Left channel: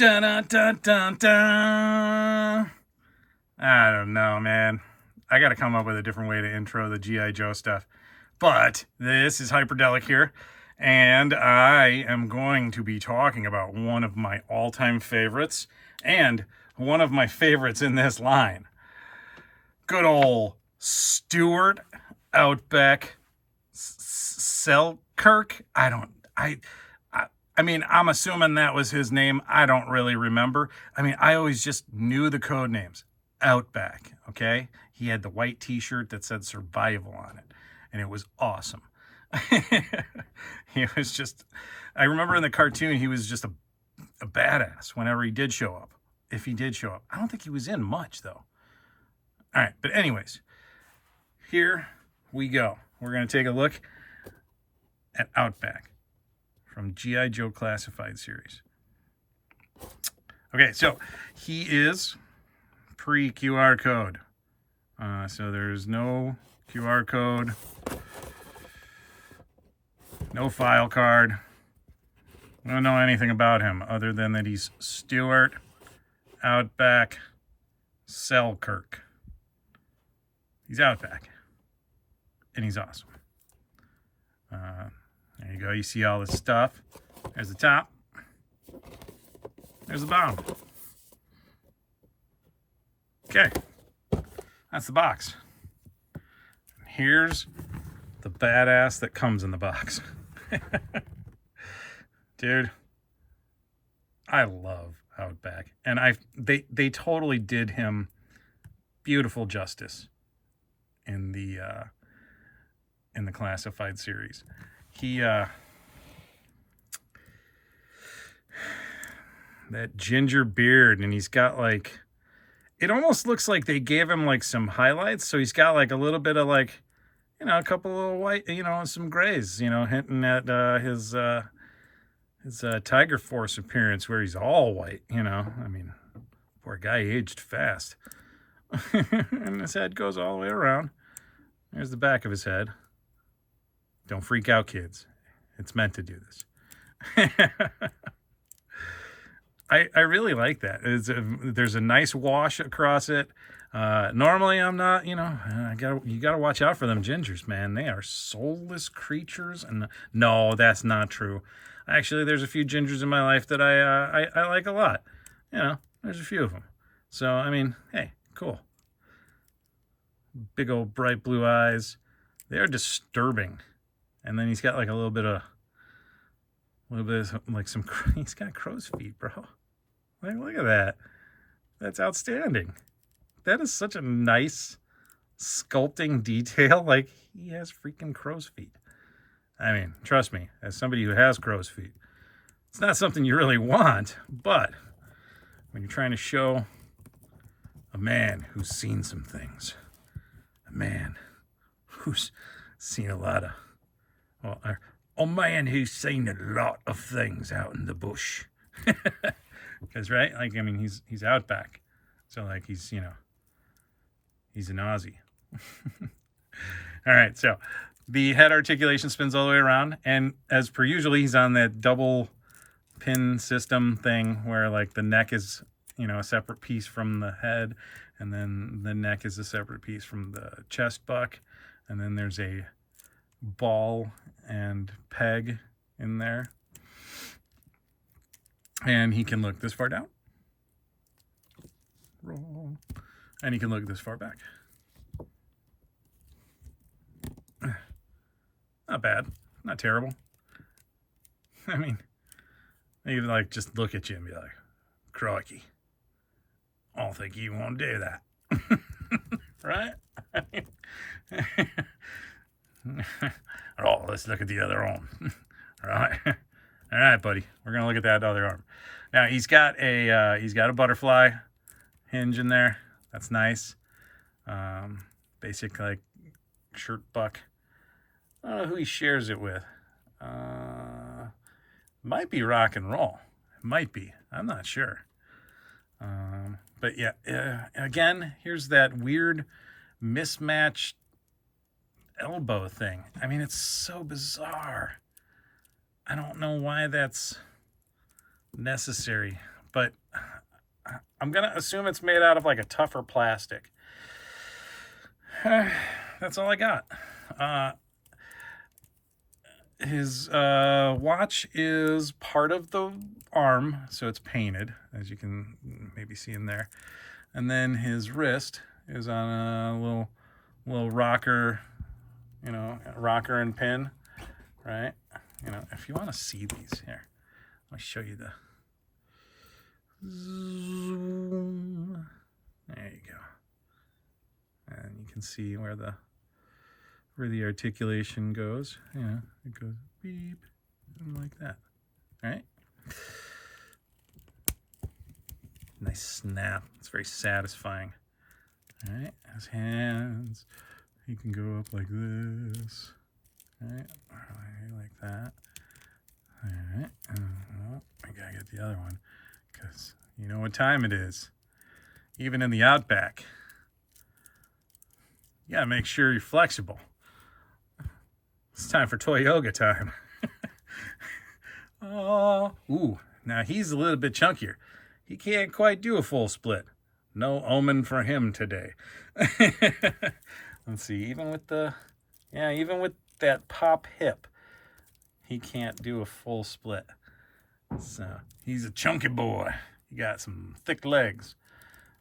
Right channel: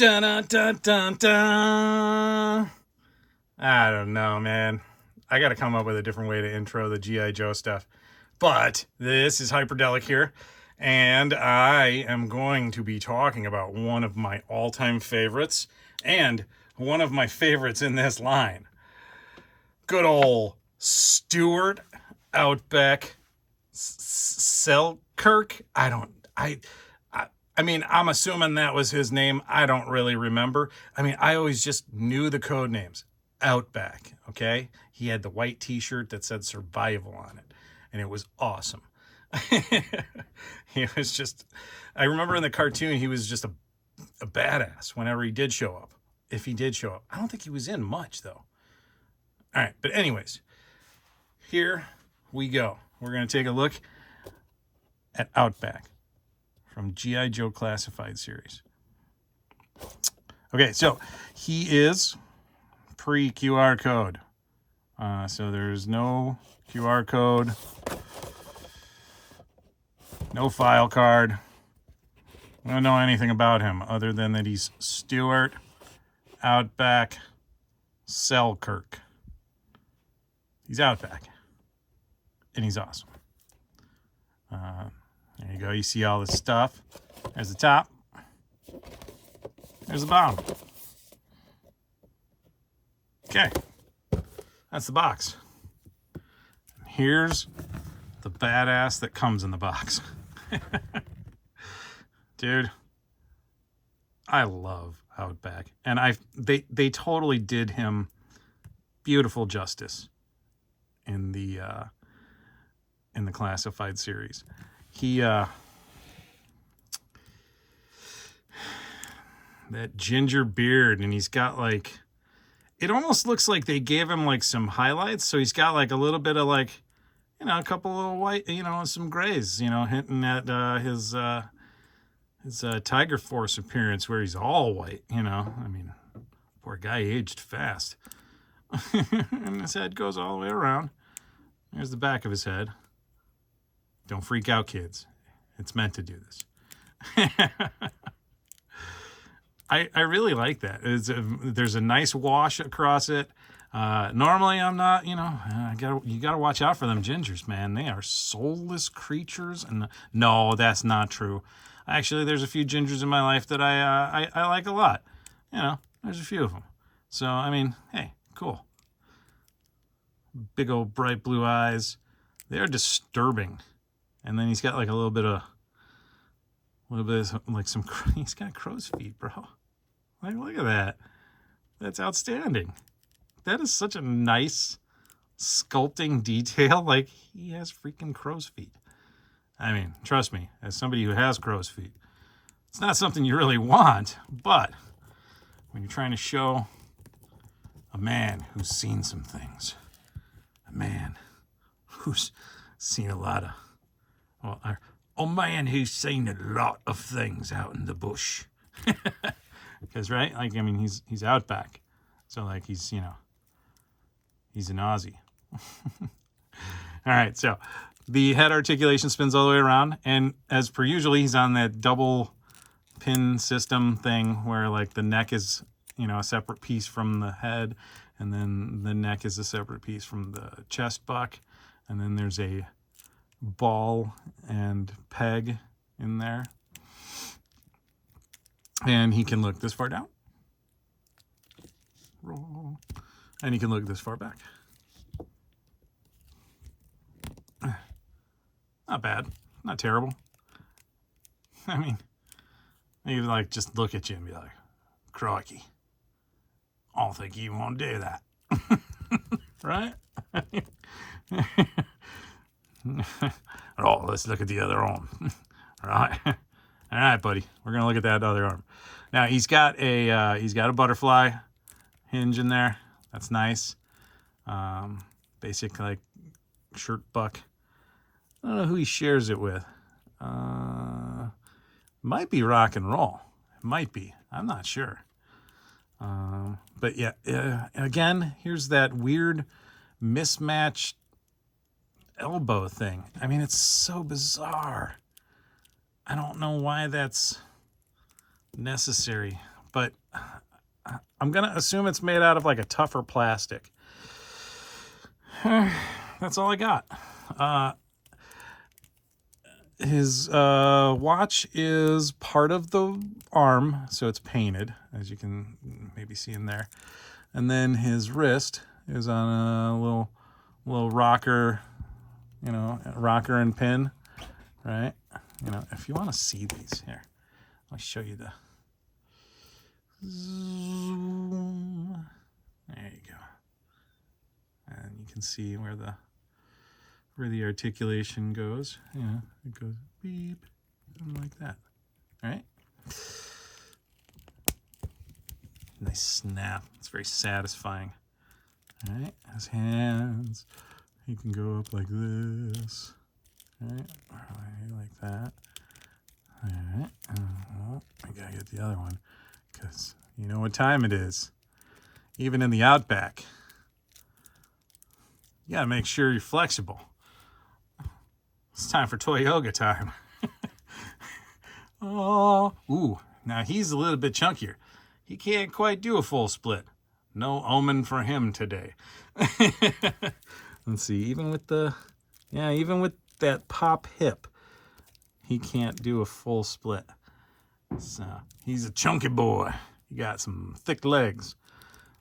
Dun, dun, dun, dun, dun. I don't know, man. I got to come up with a different way to intro the G.I. Joe stuff. But this is Hyperdellic here, and I am going to be talking about one of my all-time favorites and one of my favorites in this line. Good old Stuart Outback Selkirk. I mean, I'm assuming that was his name. I don't really remember. I mean, I always just knew the code names. Outback, okay? He had the white t-shirt that said survival on it, and it was awesome. He was just, I remember in the cartoon, he was just a badass whenever he did show up. If he did show up. I don't think he was in much, though. All right, but anyways, here we go. We're going to take a look at Outback from G.I. Joe Classified Series. Okay, so he is pre-QR code. So there's no QR code, no file card. We don't know anything about him other than that he's Stuart Outback Selkirk. He's Outback, and he's awesome. There you go. You see all this stuff. There's the top. There's the bottom. Okay. That's the box. And here's the badass that comes in the box. Dude, I love Outback. And they totally did him beautiful justice in the Classified series. He that ginger beard, and he's got like, it almost looks like they gave him like some highlights, so he's got like a little bit of like, you know, a couple little white, you know, some grays, you know, hinting at his Tiger Force appearance where he's all white, you know. I mean, poor guy aged fast. And his head goes all the way around. There's the back of his head. Don't freak out, kids. It's meant to do this. I really like that. There's a nice wash across it. Normally, I'm not, you know, you gotta watch out for them gingers, man. They are soulless creatures. And no, that's not true. Actually, there's a few gingers in my life that I like a lot. You know, there's a few of them. So, I mean, hey, cool. Big old bright blue eyes. They're disturbing. And then he's got like a little bit of like some, he's got crow's feet, bro. Like, look at that. That's outstanding. That is such a nice sculpting detail. Like, he has freaking crow's feet. I mean, trust me, as somebody who has crow's feet, it's not something you really want, but when you're trying to show a man who's seen some things, a man who's seen a lot of, well, a man who's seen a lot of things out in the bush. Because, right, like, I mean, he's Outback. So, like, he's, you know, he's an Aussie. All right, so the head articulation spins all the way around. And as per usual, he's on that double pin system thing where, like, the neck is, you know, a separate piece from the head. And then the neck is a separate piece from the chest buck. And then there's a ball and peg in there. And he can look this far down. Roll. And he can look this far back. Not bad. Not terrible. I mean, you like just look at you and be like, crikey. I don't think you want to do that. Right? Oh, let's look at the other arm. Right? All right, buddy. We're gonna look at that other arm. Now he's got a butterfly hinge in there. That's nice. Basic like shirt buck. I don't know who he shares it with. Might be rock and roll. It might be. I'm not sure. But yeah, again, here's that weird mismatched elbow thing. I mean, it's so bizarre. I don't know why that's necessary, but I'm going to assume it's made out of like a tougher plastic. That's all I got. His watch is part of the arm, so it's painted, as you can maybe see in there. And then his wrist is on a little rocker, you know, rocker and pin, right? You know, if you want to see these, here, I'll show you the zoom. There you go. And you can see where the articulation goes. Yeah, it goes beep, and like that. All right. Nice snap. It's very satisfying. All right. His hands, he can go up like this. All right. Like that. All right. I gotta get the other one because you know what time it is. Even in the Outback, you gotta make sure you're flexible. It's time for toy yoga time. Oh, ooh, now he's a little bit chunkier. He can't quite do a full split. No omen for him today. Let's see, even with that pop hip, he can't do a full split. So he's a chunky boy. He got some thick legs.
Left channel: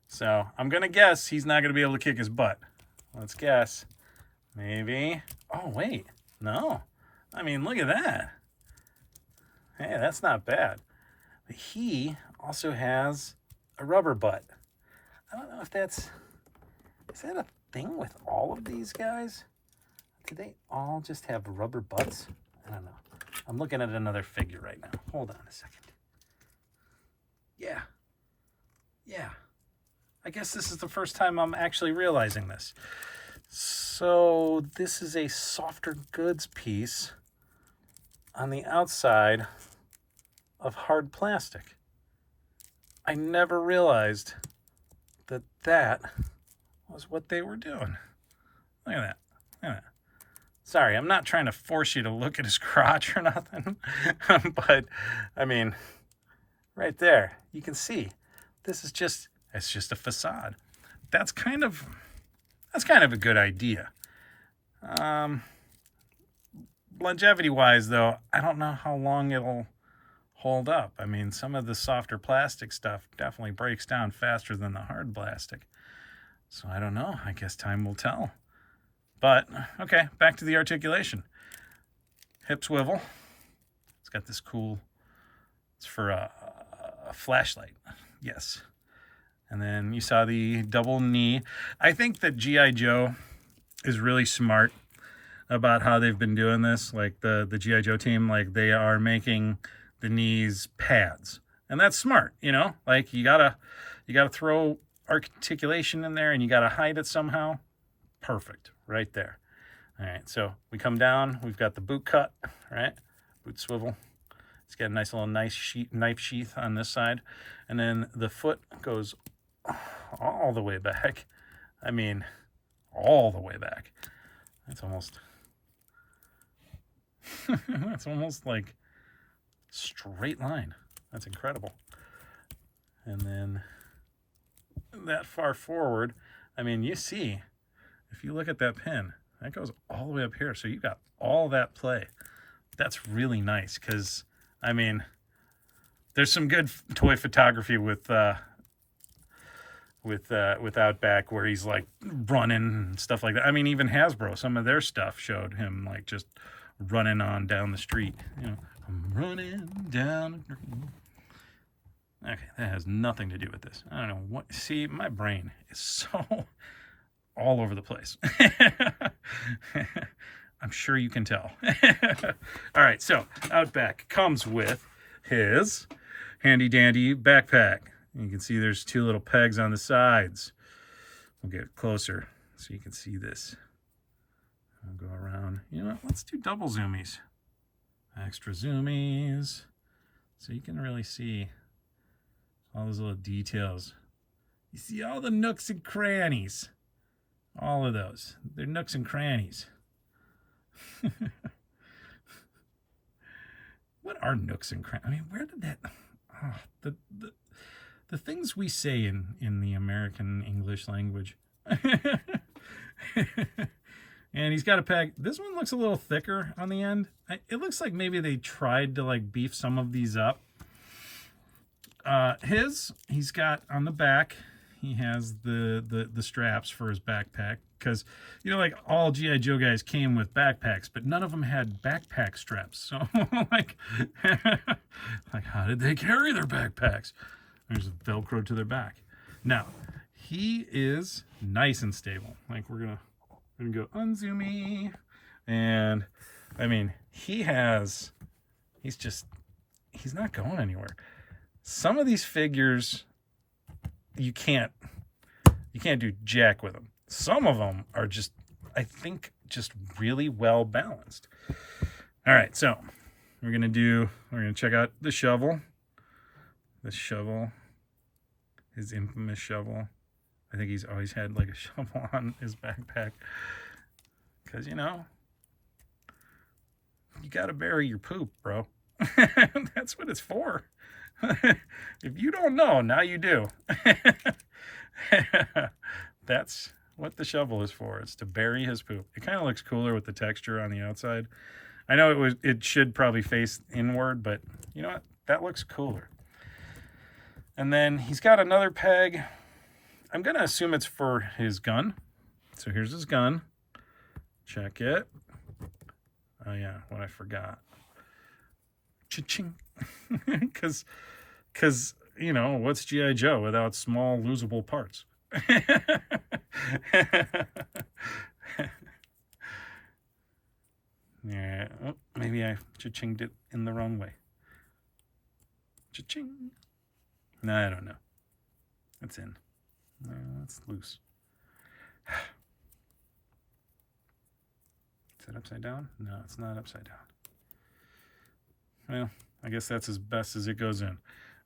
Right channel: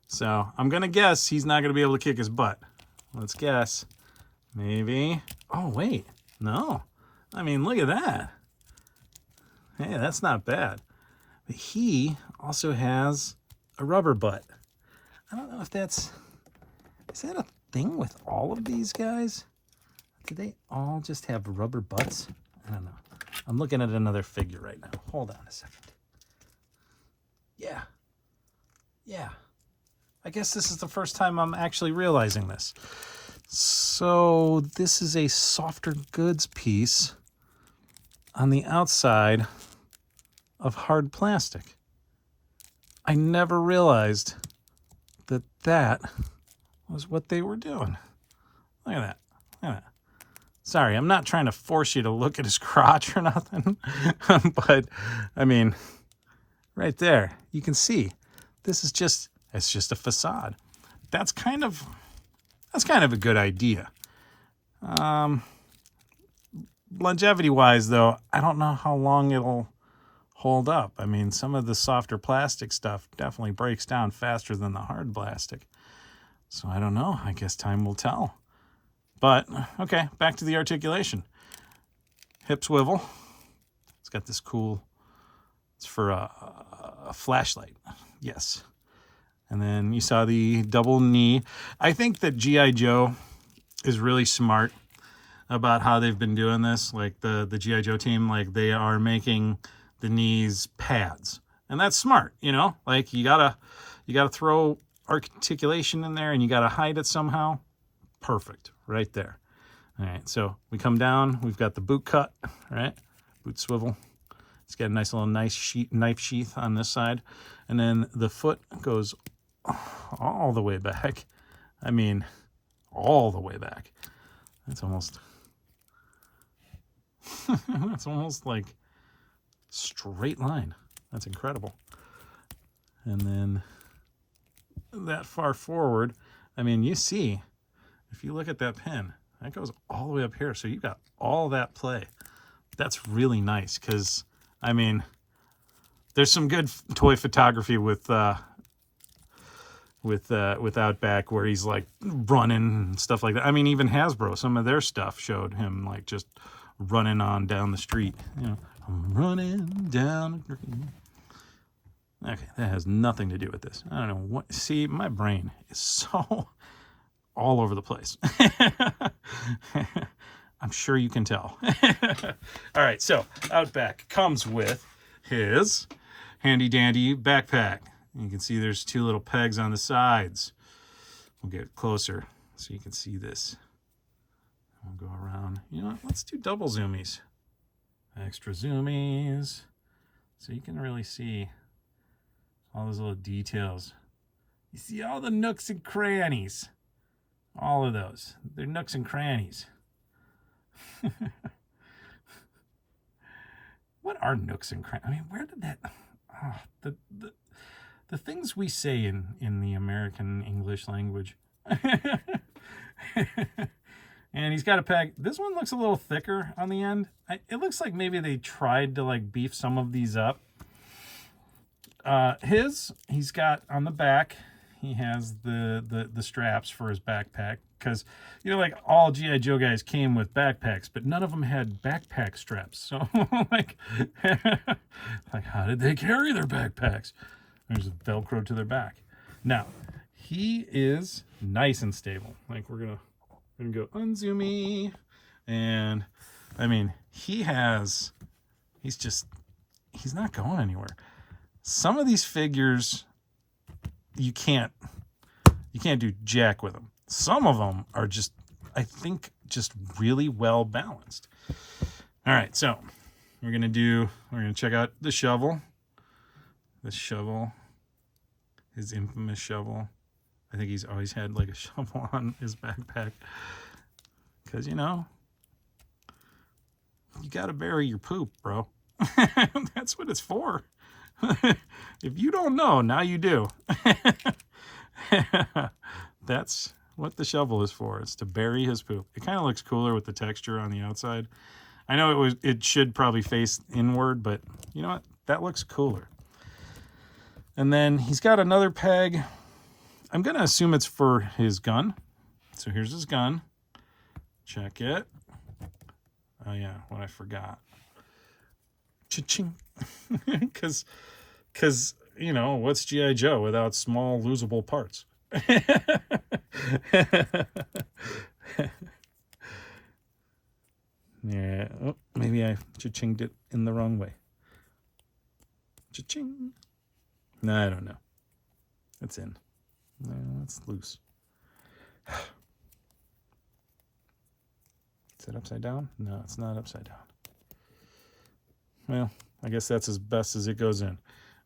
So I'm gonna guess he's not gonna be able to kick his butt. Let's guess. Maybe. Oh, wait. No. I mean, look at that. Hey, that's not bad. But he also has a rubber butt. I don't know if is that a thing with all of these guys? Do they all just have rubber butts? I don't know. I'm looking at another figure right now. Hold on a second. Yeah. Yeah. I guess this is the first time I'm actually realizing this. So this is a softer goods piece on the outside of hard plastic. I never realized that that was what they were doing. Look at that. Look at that. Sorry, I'm not trying to force you to look at his crotch or nothing, but I mean, right there, you can see this is it's just a facade. That's kind of a good idea. Longevity-wise, though, I don't know how long it'll hold up. I mean, some of the softer plastic stuff definitely breaks down faster than the hard plastic. So I don't know. I guess time will tell. But, okay, back to the articulation. Hip swivel. It's got this cool, it's for a flashlight. Yes. And then you saw the double knee. I think that G.I. Joe is really smart about how they've been doing this. Like the G.I. Joe team, like they are making the knees pads. And that's smart, you know? Like you gotta throw articulation in there and you gotta hide it somehow. Perfect, right there. All right, so we come down, we've got the boot cut, right? Boot swivel. It's got a nice little knife sheath on this side. And then the foot goes all the way back. I mean, all the way back. That's almost that's almost like straight line. That's incredible. And then that far forward, I mean, you see, if you look at that pin, that goes all the way up here. So you've got all that play. That's really nice because, I mean, there's some good toy photography with Outback where he's like running and stuff like that. I mean, even Hasbro, some of their stuff showed him like just running on down the street. You know, running down the street. Okay, that has nothing to do with this. I don't know what. See, my brain is so all over the place. I'm sure you can tell. All right, so Outback comes with his handy dandy backpack. You can see there's two little pegs on the sides. We'll get closer so you can see this. We'll go around. You know what? Let's do double zoomies. Extra zoomies. So you can really see all those little details. You see all the nooks and crannies. All of those. They're nooks and crannies. What are nooks and crannies? I mean, where did that... Oh, the things we say in the American English language. And he's got a peg. This one looks a little thicker on the end. It looks like maybe they tried to like beef some of these up. He's got on the back, he has the straps for his backpack, because you know, like all GI Joe guys came with backpacks, but none of them had backpack straps. So like like how did they carry their backpacks? There's a Velcro to their back. Now he is nice and stable. Like we're gonna go unzoomy, and I mean he's not going anywhere. Some of these figures you can't do jack with them. Some of them are just, I think, just really well balanced. All right, so we're gonna check out the shovel. The shovel, his infamous shovel. I think he's always had like a shovel on his backpack, because you know, you gotta bury your poop, bro. That's what it's for. If you don't know, now you do. That's what the shovel is for. It's to bury his poop. It kind of looks cooler with the texture on the outside. I know it should probably face inward, but you know what? That looks cooler. And then he's got another peg. I'm going to assume it's for his gun. So here's his gun. Check it. Oh yeah, what I forgot. Cha-ching. Because, you know, what's G.I. Joe without small, losable parts? Yeah, oh, maybe I cha-chinged it in the wrong way. Cha-ching. No, I don't know. It's in. No, it's loose. Is it upside down? No, it's not upside down. Well, I guess that's as best as it goes in.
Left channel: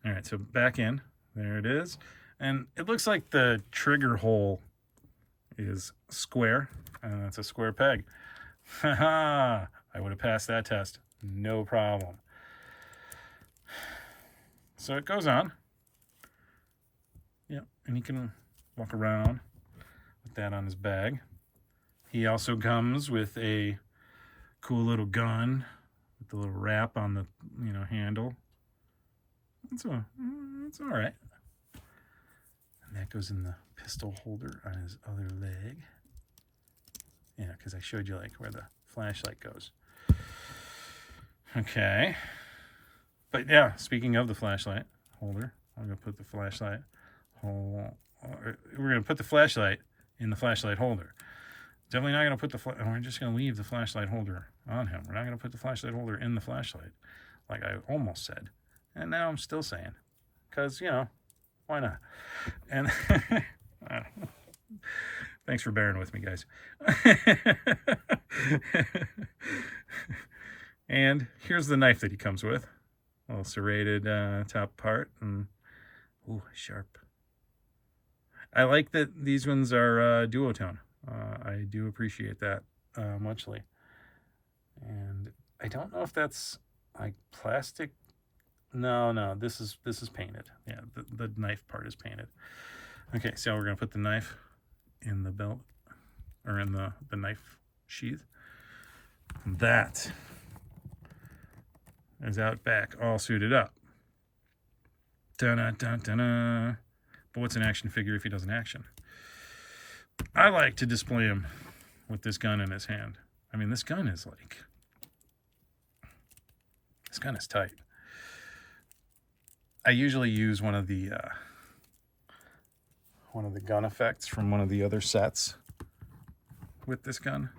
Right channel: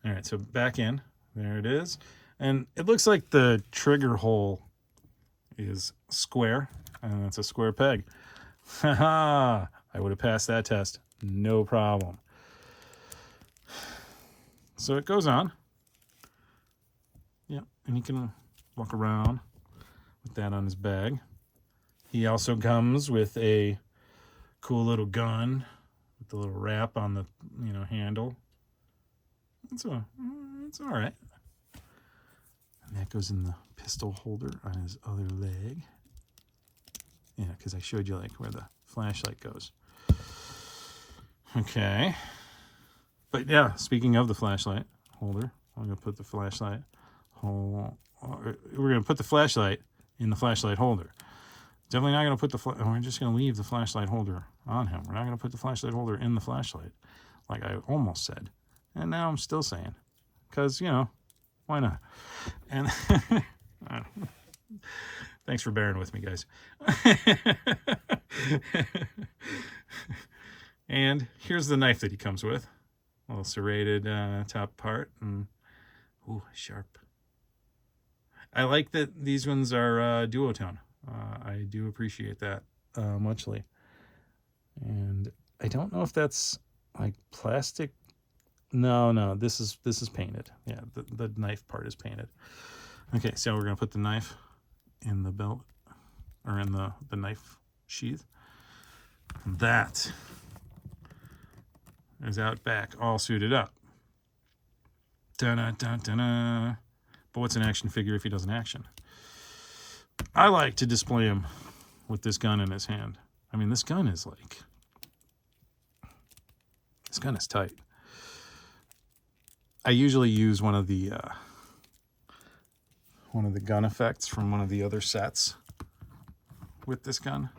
All right, so back in. There it is. And it looks like the trigger hole is square, and it's a square peg. Haha! I would have passed that test. No problem. So it goes on. Yeah, and he can walk around with that on his bag. He also comes with a cool little gun with the little wrap on the, you know, handle. It's all right. And that goes in the pistol holder on his other leg. Yeah, because I showed you like where the flashlight goes. Okay. But yeah, speaking of the flashlight holder, I'm going to put the flashlight hole. We're going to put the flashlight in the flashlight holder. Definitely not going to put we're just going to leave the flashlight holder on him. We're not going to put the flashlight holder in the flashlight, like I almost said. And now I'm still saying, because, you know, why not? And thanks for bearing with me, guys. And here's the knife that he comes with. A little serrated top part. And ooh, sharp. I like that these ones are duotone. I do appreciate that muchly. And I don't know if that's like plastic. No, this is painted. Yeah, the knife part is painted. Okay, so we're gonna put the knife in the belt, or in the knife sheath. And that is Outback, all suited up. Da-da-da-da-da. But what's an action figure if he doesn't action? I like to display him with this gun in his hand. I mean, this gun is tight. I usually use one of the gun effects from one of the other sets with this gun.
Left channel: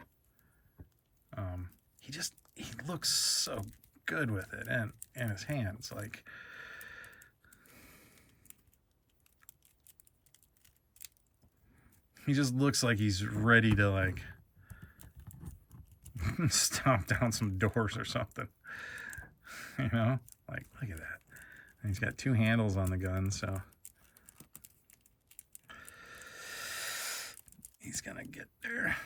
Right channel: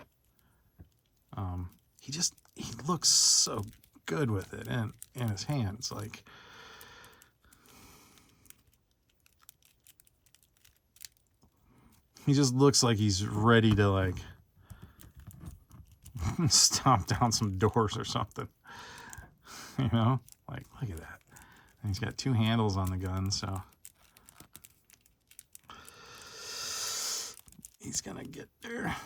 He looks so good with it, and in his hands, like, he just looks like he's ready to like stomp down some doors or something. You know, like, look at that. And he's got two handles on the gun, so he's gonna get there.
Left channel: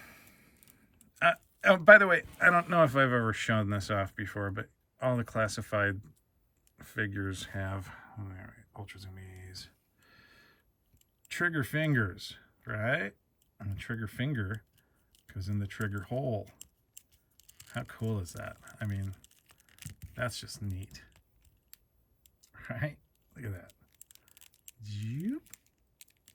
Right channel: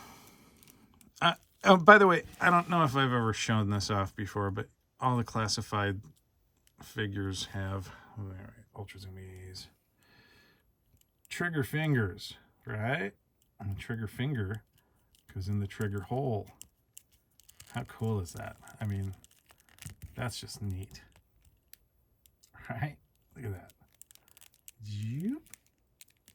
Oh, by the way, I don't know if I've ever shown this off before, but all the classified figures have, all right, ultra zoomies. trigger fingers, right? And the trigger finger goes in the trigger hole. How cool is that? I mean, that's just neat. Right? Look at that.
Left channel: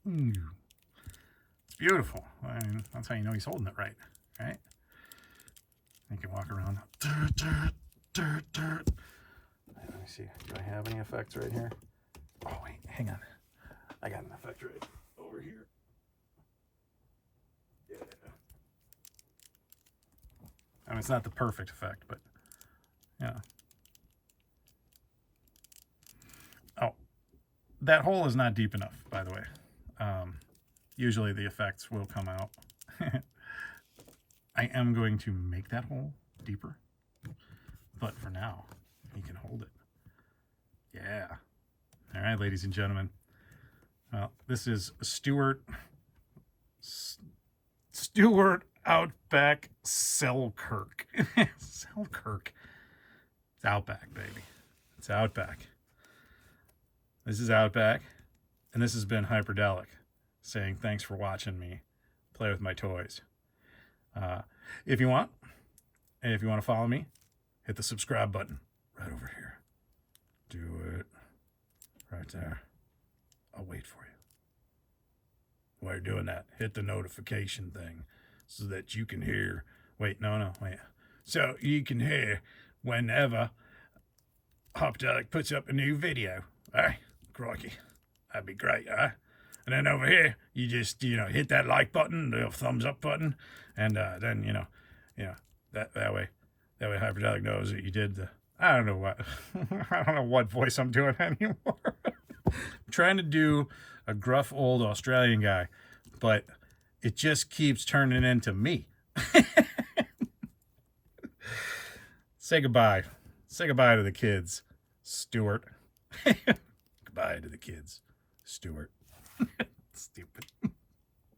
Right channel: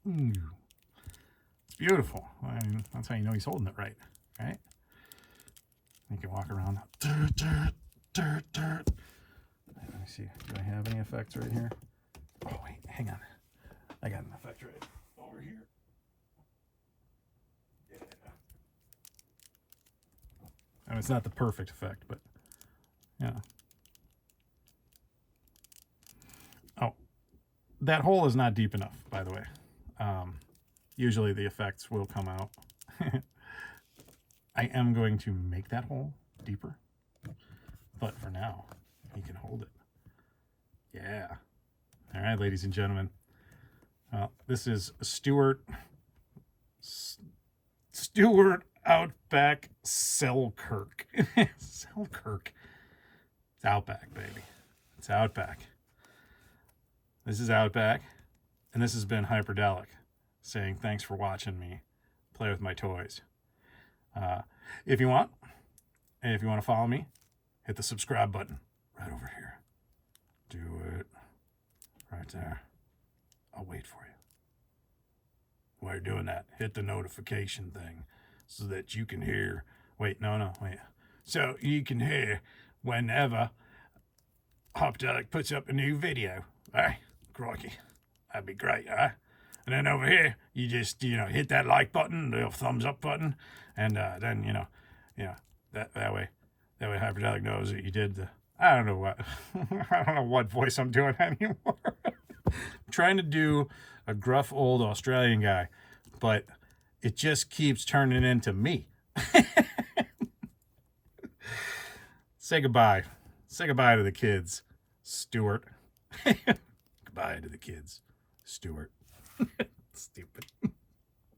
It's beautiful. I mean, that's how you know he's holding it right, right? You can walk around. Let me see. Do I have any effects right here? Oh, wait. Hang on. I got an effect right over here. Yeah. I mean, it's not the perfect effect, but yeah. Oh, that hole is not deep enough, by the way. Usually the effects will come out. I am going to make that hole deeper, but for now, he can hold it. Yeah. All right, ladies and gentlemen. Well, this is Stewart Outback Selkirk. Selkirk. It's Outback, baby. It's Outback. This is Outback, and this has been Hyperdellic, saying thanks for watching me play with my toys. If you want to follow me, hit the subscribe button right over here. Do it right there. I'll wait for you. While you're doing that, hit the notification thing so that you can hear. Wait. So you can hear whenever Hyperdellic puts up a new video. All right? Crikey. That'd be great, all right? And then over here, you just, hit that like button, the thumbs up button, and then, that way Hyperdellic knows that you did the, I don't know what voice I'm doing anymore. I'm trying to do a gruff old Australian guy, but it just keeps turning into me. Say goodbye. Say goodbye to the kids, Stuart. Goodbye to the kids, Stuart. Stupid.